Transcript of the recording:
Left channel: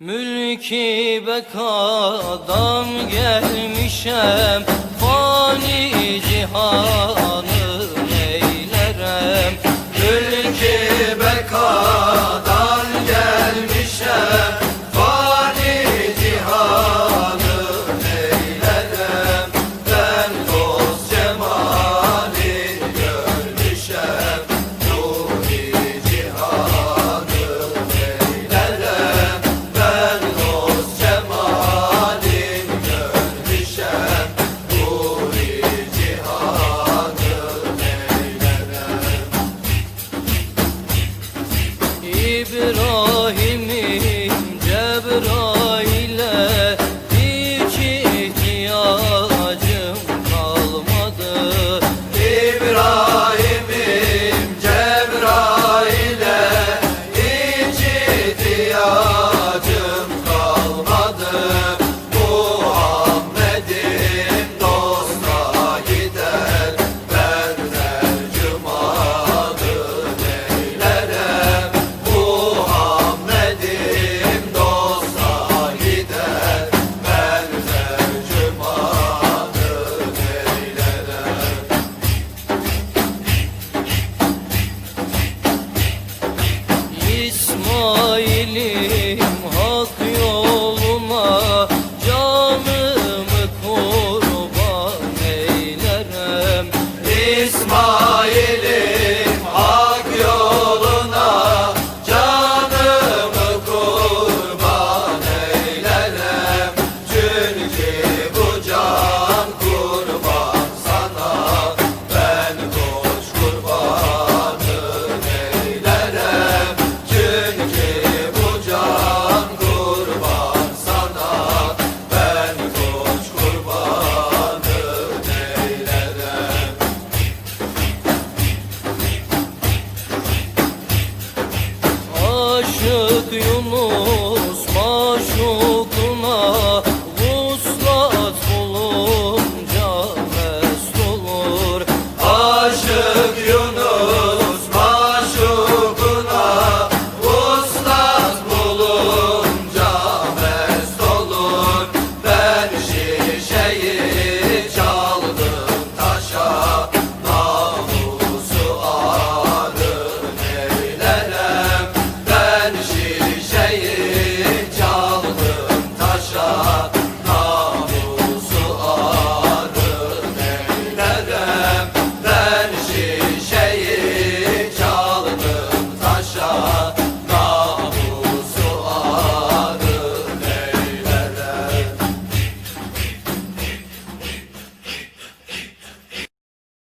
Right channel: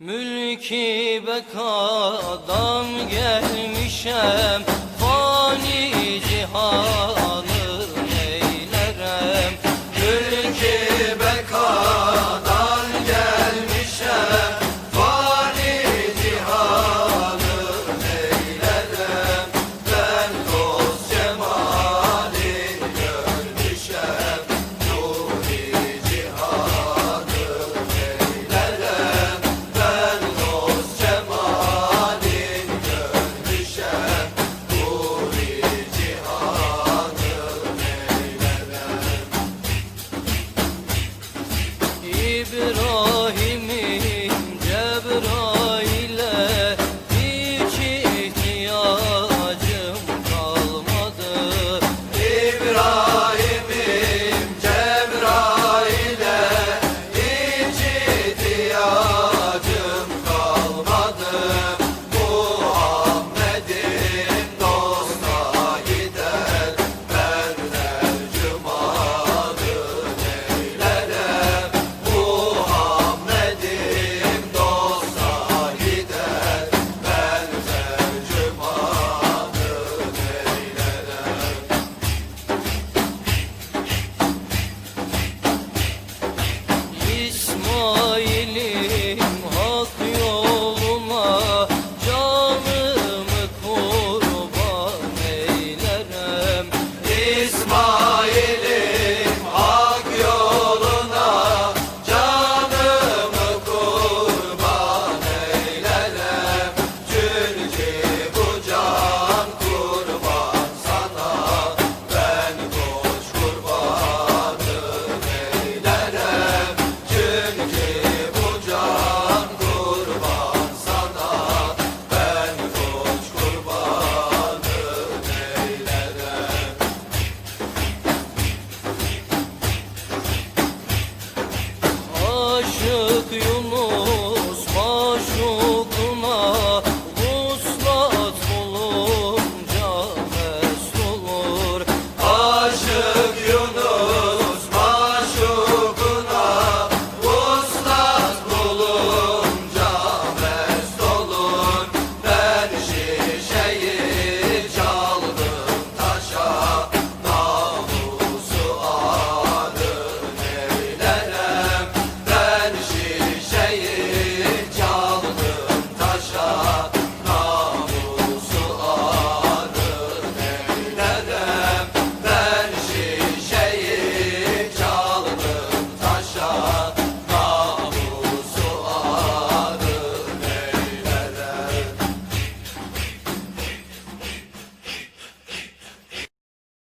Mülki bekadan gelmişem Fani cihanı İbrahim İsmail'in more